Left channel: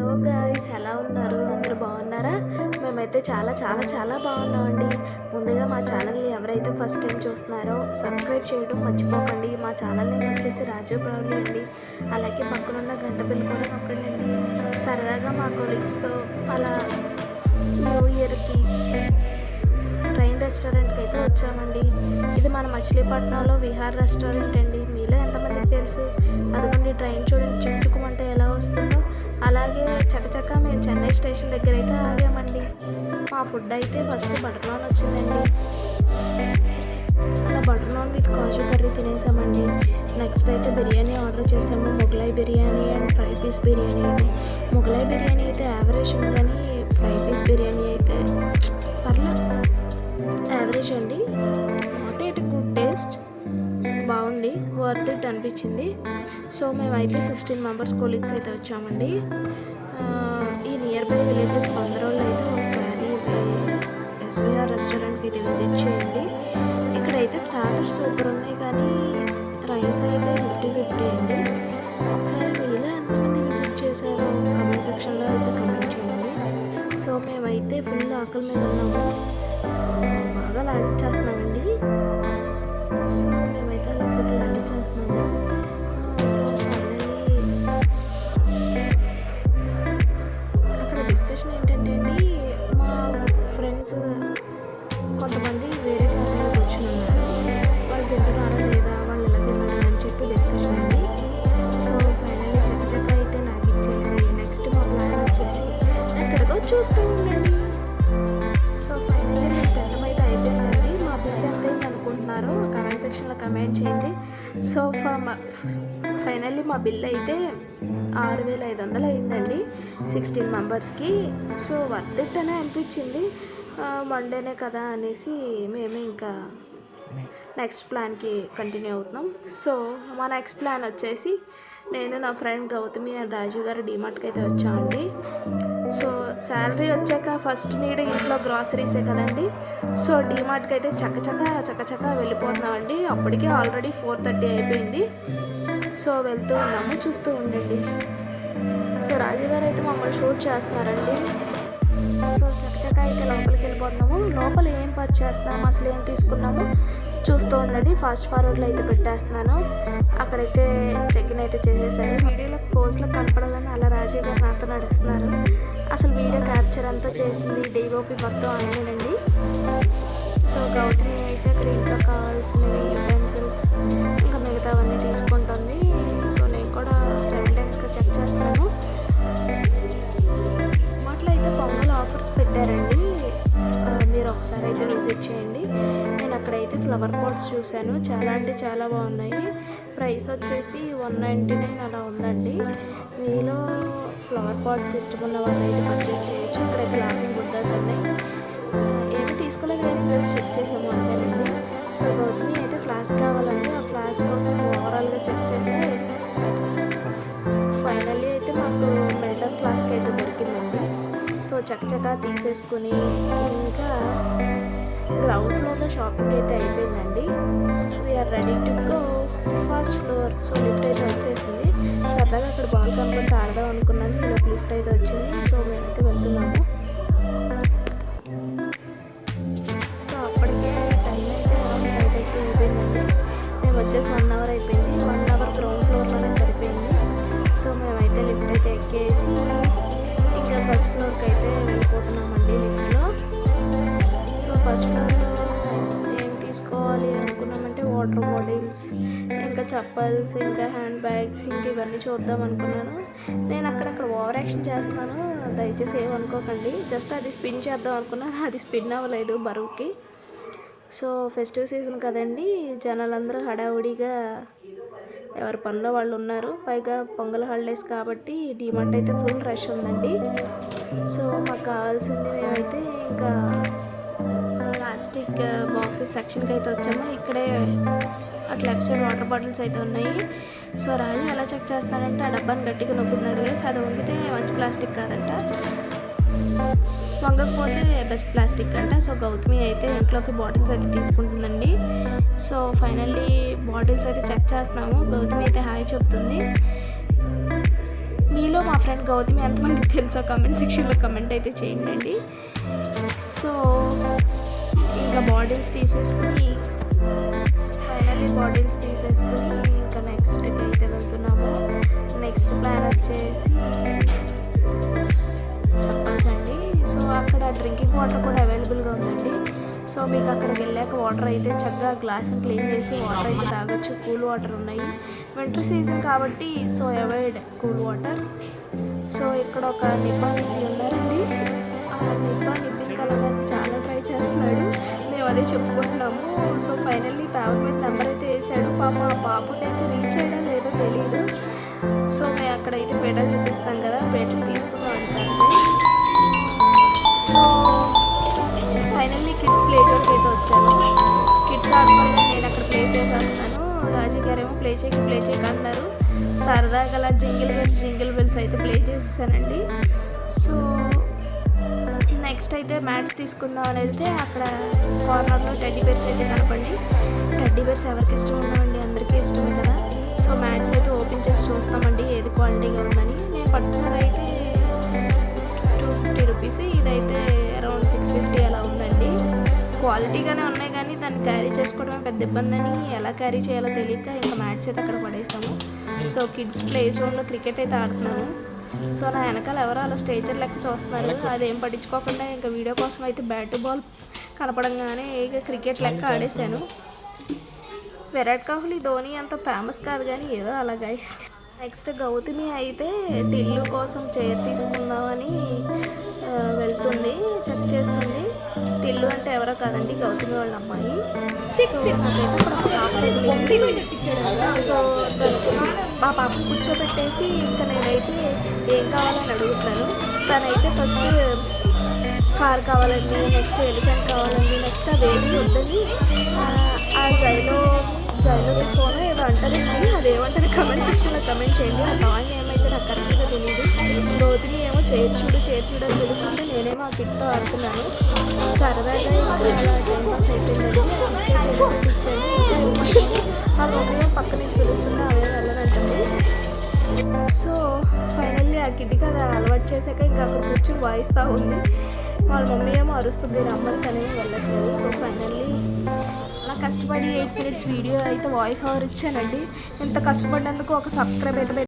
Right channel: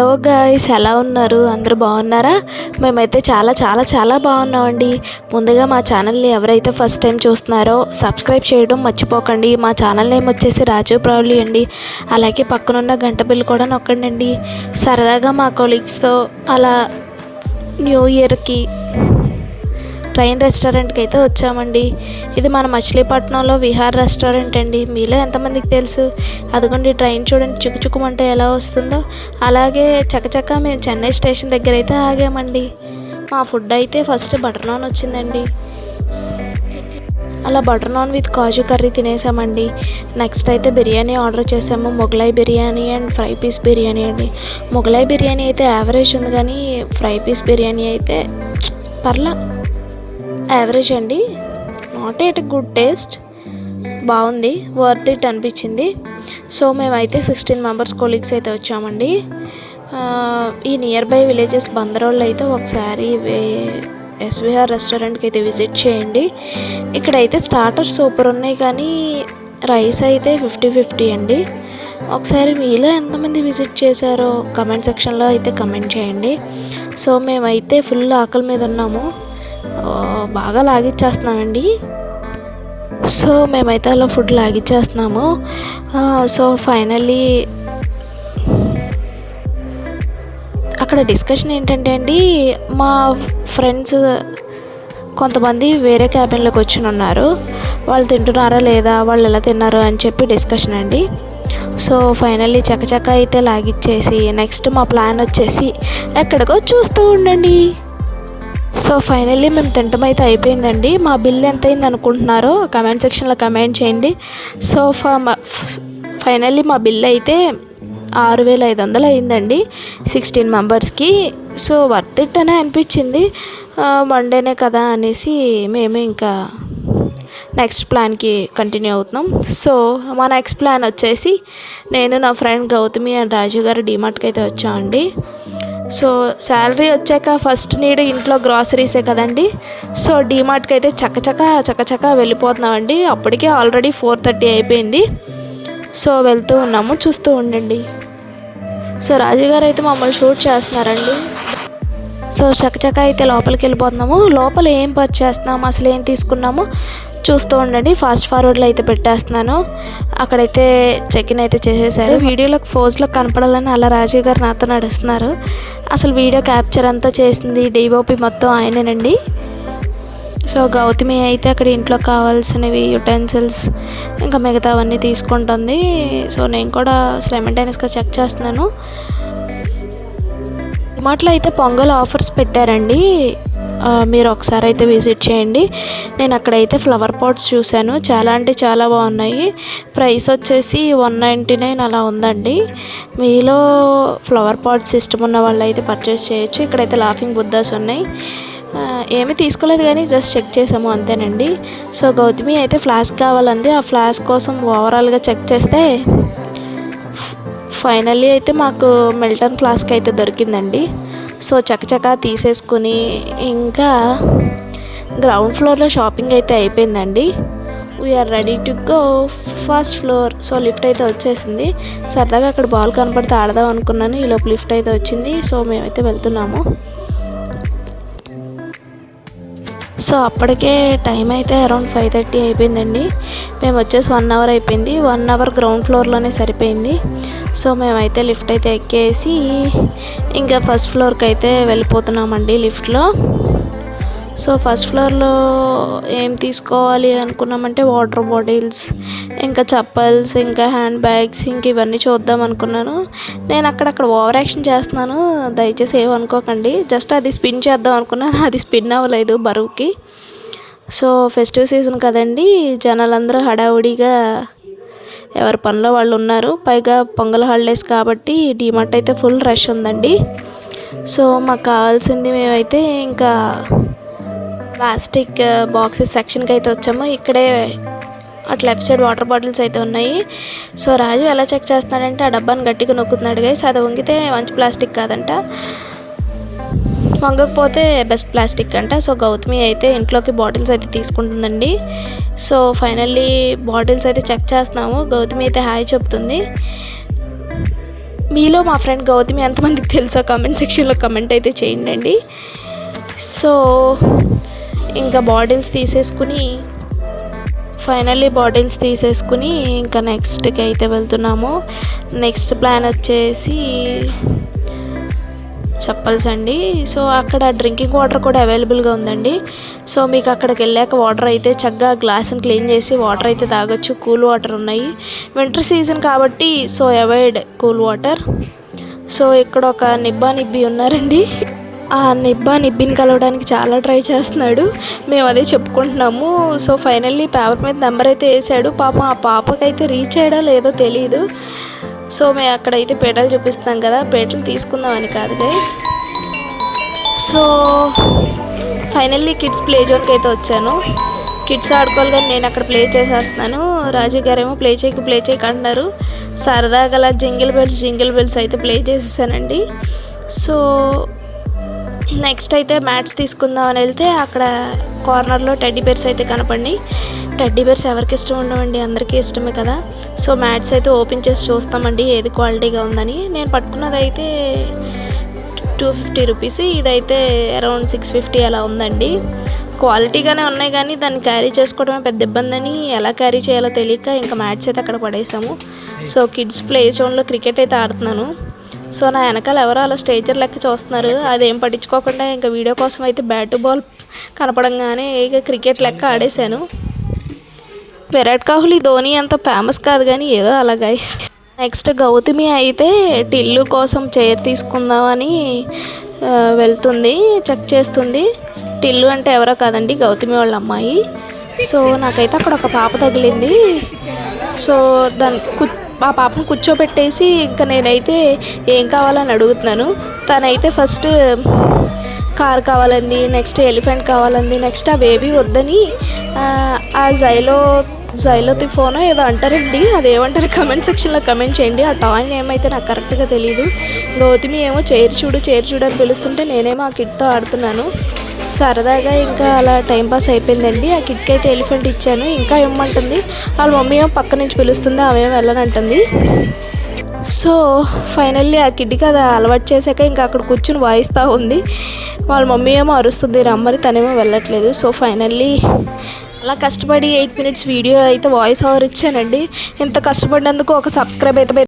Hello guys ఎలా ఉన్నారు? అందరూ బాగున్నారా? మేమైతే చాలా చాలా చాలా బాగున్నామండి. ముందుగా మా ఛానల్ని ఎవరైతే ఫస్ట్ టైం చూస్తున్నారో సబ్స్క్రైబ్ చేయడం మర్చిపోకండి. మా ఛానల్ నేమ్ వచ్చేసి రాజు ప్రౌలి అండి. అలాగే పక్కనున్న గంట బిల్ కూడా నొక్కండి సరదాగా మా కొలీగ్స్తో అలా న్యూ ఇయర్కి ట్రైన్ రెస్టారెంట్కి అయితే వచ్చామండి. ఇది మన మచిలీపట్నంలో విహార్ రెస్టారెంట్ అండి. మీలో ఎంతమందికి తెలుసు? అదిగోండి ట్రైన్ చూడండి. చుక్కుచుక్కుమంటే ఎలా వస్తుందో. అలాగే చకచక మేము చెన్నై స్టేషన్ దగ్గర అయితే ఆగామండి. మా ఫుడ్ అయితే ఫస్ట్ బటర్ నాన్ వచ్చిందండి. అలా butter naan with kaju curry తినేసామండి. Next అయితే బిర్యానీ ఆర్డర్ చేసాము. Mughlai biryani and fry piece biryani అండి. మొగలాయి బిర్యానీ అయితే యావరేజ్ ఉంది కానీ ఫ్రై పీస్ బిర్యానీ అయితే పర్లా. యావరేజ్ అండి. నాట్ ఎట్ గుడ్ టేస్ట్ బాగుంది. వర్త్ ఇట్ అనిపించింది. సో మేమైతే సిక్స్టీన్ మెంబర్స్ కొలీగ్స్ అయితే వచ్చామండి. ఈ నియర్ బై విలేజెస్ బందరోళ్ళు అయితే ఒకసారి ఎస్విఆర్ రెస్టారెంట్కి అయితే విజిట్ చేయండి. ఇక్కడైతే స్టార్టర్స్ సూపర్ ఉన్నాయి కానీ రైస్ అయితే ఫిఫ్టీ ఫిఫ్టీ అండి. ఒకసారి మీలో ఎంతమంది విజిట్ చేశారో కమెంట్ సెక్షన్లో అయితే కమెంట్ చేయండి. సో మేమైతే ఫుల్ ఆకలి మీద ఉన్నాము. బాగా లాగిచ్చేస్తున్నామండి. సో మేమైతే అలా ఫుడ్ లాగిచ్చేస్తున్నాము. సో ఫైనల్లీ అక్కడ డిస్కషన్ ఏంటంటే అండి మా ఫ్రెండ్స్ కొంతమంది వేరే క్యాబిన్లోకి వచ్చి ఉన్నారు. వాళ్ళు తింటున్నారా లేదా వాళ్ళు ఎలా తిన్నారు అని చెప్పి డిస్కషన్ అండి. సో ఫైనల్లీ చకచక అయితే లాగిచ్చేసి నెక్స్ట్ మా ప్లాన్ వచ్చేసి ఎక్కడికో చూస్తూ ఉండండి. సో ఫైనల్లీ మేము తింటం అయితే అయిపోయిందండి. మా బిల్ ఎంత అయింది అనుకుంటున్నారో కమెంట్ సెక్షన్లో కమెంట్ చేయండి. సో ఫైనల్లీ మా బిల్ అయితే ఆరు వేల ఐదు వందలు అయిందండి సిక్స్టీన్ మెంబర్స్కి. సో వర్త్ ఇట్ అనే అనిపించింది. వన్ డేనే కదా అనేసి మేము ఇంకా నెక్స్ట్ ప్లాన్కి కంటిన్యూ అవుతున్నాం. సో మా నెక్స్ట్ ప్లాన్ వచ్చేసి నేను నా ఫ్రెండ్ గౌతమి అండ్ రాజు గారు డిమార్ట్కి అయితే వచ్చామండి. సో శాలరీ వచ్చాక ఫస్ట్ నీడ్ ఇంట్లో గ్రాసరీసే కదండి. సో డిమార్ట్కి అయితే చక్కచక్క చక్కచక్క వెళ్ళిపోతున్నామండి. అప్పటికే ఆల్రెడీ ఫోర్ థర్టీ అయిపోయింది. సో వెళ్తూ ఉన్నాము చూస్తూ ఉండండి. సో రాజు గారు అయితే మమ్మల్ని షూట్ చేస్తున్నారండి. సో చకచక అయితే లోపలికి వెళ్ళిపోతున్నాము. లోపల ఏం పర్చేస్తున్నాము అసలు ఏం తీసుకున్నాము? చూస్తూ ఉండండి. ఫాస్ట్ ఫార్వర్డ్లో అయితే పెట్టేస్తున్నాను. అక్కడైతే చెక్ ఇన్ అయితే చేసేసారు. వీడియోలో ఫోజ్లో కనపడాలని అలా రాజీవ్ గారు నాతో నడుస్తున్నారు. అసలు వీడియో క్యాప్చర్ అంతా చేసింది డీఓపి మొత్తం ఆయనేనండి. సో గౌతమి అయితే అక్కడ ఇంట్లో కావాల్సినవి యుటెన్సిల్స్ ఇంకా మిగతావన్నీ తీసుకుంటుంది. సో నేను కూడా సైమల్టేనియస్గా చెక్ చేస్తున్నాను. డిమార్ట్లో అయితే పొంగల్ ఆఫర్స్ పెట్టారండి. మీరు ఒకసారి అయితే విజిట్ చేయండి. నేను అక్కడైతే ఫ్లవర్ పాట్స్ చూశాను. చాలా అంటే చాలా బాగున్నాయి. ప్రైస్ వచ్చేసి వన్ నైంటీ నైన్ అలా ఉందండి. మీలో ఫ్లవర్ పాట్స్ ఇష్టం ఉన్న వాళ్ళు అయితే పర్చేస్ చేయొచ్చు. ఇక్కడైతే లాఫింగ్ బుద్ధాస్ ఉన్నాయి. ఏమీ తీసుకోలేదు కానీ జస్ట్ చెక్ చేసాము అంతేనండి. సో గౌతమి అయితే ఫ్లాస్క్ కావాలంది. ఆ ఫ్లాస్క్ కోసం ఓవరాల్గా చెక్ చేస్తే ఫైనల్లీ అయితే మాకు మిల్టన్ ఫ్లాస్క్ అయితే దొరికిందండి. సో చకచకా తీసేసుకుని ఇంకా గ్రౌండ్ ఫ్లోర్లో షాపింగ్ అయితే అయిపోయిందండి. We are ready to go first floor so lift అయితే వచ్చేసింది. సరదాగా అక్కడ బాల్ కనపడితే ఆడదాం అనుకున్నాను. ఈలోపు లిఫ్ట్ అయితే వచ్చింది. సో మేమైతే వెళ్తున్నాము. సో అప్పటికే టైం అయితే అరౌండ్ ఫైవ్ థర్టీ అయిపోయిందండి. మేము వచ్చేసి వన్ అవర్ అయిపోయింది. వన్ అవర్ గ్రౌండ్ ఫ్లోర్లోనే సరిపోయింది. సో మేమైతే లిఫ్ట్ అయితే ఎక్కేసి ఇంకా ఫస్ట్ ఫ్లోర్కి అయితే వెళ్ళిపోతున్నామండి లిఫ్ట్లో. సో ఫస్ట్ ఫ్లోర్లో ఏం తీసుకోవాలి అనుకున్నామంటే వాటర్ బాటిల్స్ ఇంకా చప్పల్స్ ఇంకా హ్యాండ్ బ్యాగ్స్ ఇంక ఇవన్నీ చూద్దాం అనుకున్నాను. నేను అక్కడక్కడ ఓవర్ యాక్షన్ చేస్తున్నాను దయచేసి ఏమనుకోకండి జస్ట్ అది స్పిన్ చేద్దాం అనుకున్నాను అది స్పిన్ అవ్వలేదు బరువుకి. సో ఫెస్టివ్ సీజన్ కదండి జనాలందరూ హడావుడిగా ఎవరి పనిలో వాళ్ళు ఉన్నారు. పైగా పొంగల్ హాలిడేస్ కాబట్టి డిమార్ట్ అయితే ఫుల్ రష్ ఉందండి. సో మాకు కావాల్సింది మేమైతే ఇంకా ప్లాస్టిక్ uh, బాక్సెస్ సెక్షన్కి అయితే వచ్చాము. ఇక్కడే అటు లెఫ్ట్ సైడ్ వాటర్ బాటిల్స్ అయితే ఉన్నాయి. సో రాజు ఎలా చెక్ చేస్తున్నాడంటే ఆ డబ్బాని గట్టిగా నొక్కుతున్నాడు గైస్ అది వంగితే మంచి ప్లాస్టిక్ కాదంట. మంగకపోతే బెస్ట్ ప్లాస్టిక్ అంట. సో గౌతమి అయితే ఇంట్లోకి బాటిల్స్ అయితే తీసుకుంటుందండి. సో ఫైనల్లీ బాటిల్స్ అయితే చెక్ చేస్తున్నాము. గౌతమి అయితే హాయ్ చెప్తుంది. మీలో మా ఫ్రెండ్ గౌతమి ఎంతమందికి తెలుసో కమెంట్ సెక్షన్లో కమెంట్ అయితే చేయండి సో ఇంకా బాటిల్స్ తీసేసుకుని ఫైనల్లీ బాటిల్స్ తీసేసుకుని ఇంకా నెక్స్ట్కి అయితే వెళ్తున్నాము. నెక్స్ట్ ప్లాన్ వచ్చేసి చెప్పల్స్ అండి. సో అక్కడ డ్రింకింగ్ వాటర్ కూడా అవైలబుల్గా ఉందండి. సో మీకు అక్కడికి వెళ్ళాక వాటర్ అయితే చక్కగా గ్లాస్ని క్లీన్ చేసి వాటర్ అయితే తాగొచ్చు. కూల్ వాటర్ ఉన్నాయి. వింటర్ సీజన్ కాబట్టి so avoid cool water. So ఇక్కడ ఒక నిబ్బా నిబ్బి ఉన్నారండి. ఆ నిబ్బా నిబ్బిని కలవడానికి చాలా ట్రై చేస్తున్నాడు. మేము అదే చెప్పుకుంటున్నాము. సో ఫైనల్లీ పేపర్ మీద నెంబర్ అయితే వేసాడు. పాప ఆ పాపకైతే రీచ్ అయ్యడా లేదో తెలియదు సో మేము అక్కడైతే పేటలు చూపిస్తున్నాం కదా పేటలు తీసుకుందామని కాదు guys so finally kids play జోన్కి అయితే వచ్చాను. కిడ్స్ ఆడుకోవాలి కానీ నేను అక్కడ ప్లే చేసేస్తున్నాను. రాజు గారేమో ప్లే చేయకు ప్లే చేయక అంటున్నారు సరదాగా అలా జింగిల్ బెల్స్ జింగిల్ బెల్స్ అయితే ప్లే చేసేసానండి. సో నెక్స్ట్ అయితే మ్యాట్స్ తీసుకుందాం అని వెళ్తే అక్కడ కార్నర్లో టెడ్డీ బేర్స్ అయితే కనపండి టెడ్డీ బేర్స్ ఎవరికి ఇష్టం ఉండవండి? అందరికీ ఇష్టమే కదా. సో మ్యాట్స్ అయితే ఓపెన్ చేసి చూస్తామండి ఏది క్వాలిటీగా ఉందని. నేను పట్టుకున్నది అయితే టూ ఫిఫ్టీ రూపీస్ ఇదైతే అరౌండ్ సిక్స్ ఫిఫ్టీ అలా ఉందండి. క్వాలిటీగానే ఉన్నాయి కానీ దాన్ని క్యారీ చేసుకోవడమే పెద్ద ఇబ్బంది అని ఎలా క్యారీ చేయాలో తెలియక ఇంకా మ్యాట్స్ అయితే అక్కడ పడేసాము. సో కిడ్స్ ప్లే జోన్లో క్రికెట్ అయితే ఆడుతున్నాను. సో నా వెనకాల ఎవరో అలా స్టేజర్ లెక్క చూస్తున్నారు. అదేం పట్టించుకోకుండా ఇంకా వీడియో కోసం అయితే బ్యాట్ బాల్ కనపడంగానే ఇక క్రికెట్ లెక్క ఆడేశాను. విరాట్ కోహ్లీ ధోని అంత ఫేమస్ కాదు కానీ ఏదో అలా గైస్ నెక్స్ట్ గౌతమి అయితే టిల్లు కోసం చైర్ తీసుకుందామని వెళ్తుంది చెక్ చేస్తుంది. టిల్లు అంటే ఎవరో కాదండి గౌతమి వాళ్ళ అమ్మాయి. సో నాకైతే అక్కడ ఒక పాప తగిలింది. సో దాని కు ఆ పాపను కూర్చోబెట్టేసి ఇంకా నేనైతే ఏం కావాలని అడుగుతున్నాను. తనైతే ఫస్ట్ కార్ కావాలంది నెక్స్ట్ ఎలిఫెంట్ కావాలంది నెక్స్ట్ ఆ బేబీ వద్దని ఆ జైలో జైలోతిఫోనో ఏదో అంటారండి. అదేమంటారు? కమెంట్ సెక్షన్లో కమెంట్ చేయండి. ఆ టాయ్ ఏమైతే నాకు కరెక్ట్గా తెలియదు గౌతమి ఏమో చేరు చూడు చేరు చూడు అని పిలుస్తుంటే నేనేమో ఆ కిడ్తో ఆడుతున్నాను. సరదాగా ఇంకా అలా టైం పాస్ అయిపోయిందండి. ఆ కిడ్కి అయితే ఎలిఫెంట్ ఇచ్చాను. ఇంకా ఇవ్వమంటుంది వాళ్ళ మమ్మీ ఏమో పక్క నుంచి పిలుస్తుంది ఆమెమో వెళ్ళనంటుంది. సో ఫైనల్లీ ఆ కిడ్కి అది అలవాటు చేశాక ఇంకా అక్కడ కూర్చుని వాయిస్తూ ఉంది. వాళ్ళ మమ్మీ ఏమో అరుస్తుంది రమ్మని తనేమో వెళ్ళట్లేదు. సో ఫైనల్లీ అలా కష్టపడి ఎయిట్ మినిట్స్ వీడియో అయితే వాయిస్ ఓవర్ ఇచ్చానండి. ఇంత కష్టపడినందుకు ఒక సబ్స్క్రైబ్ అయితే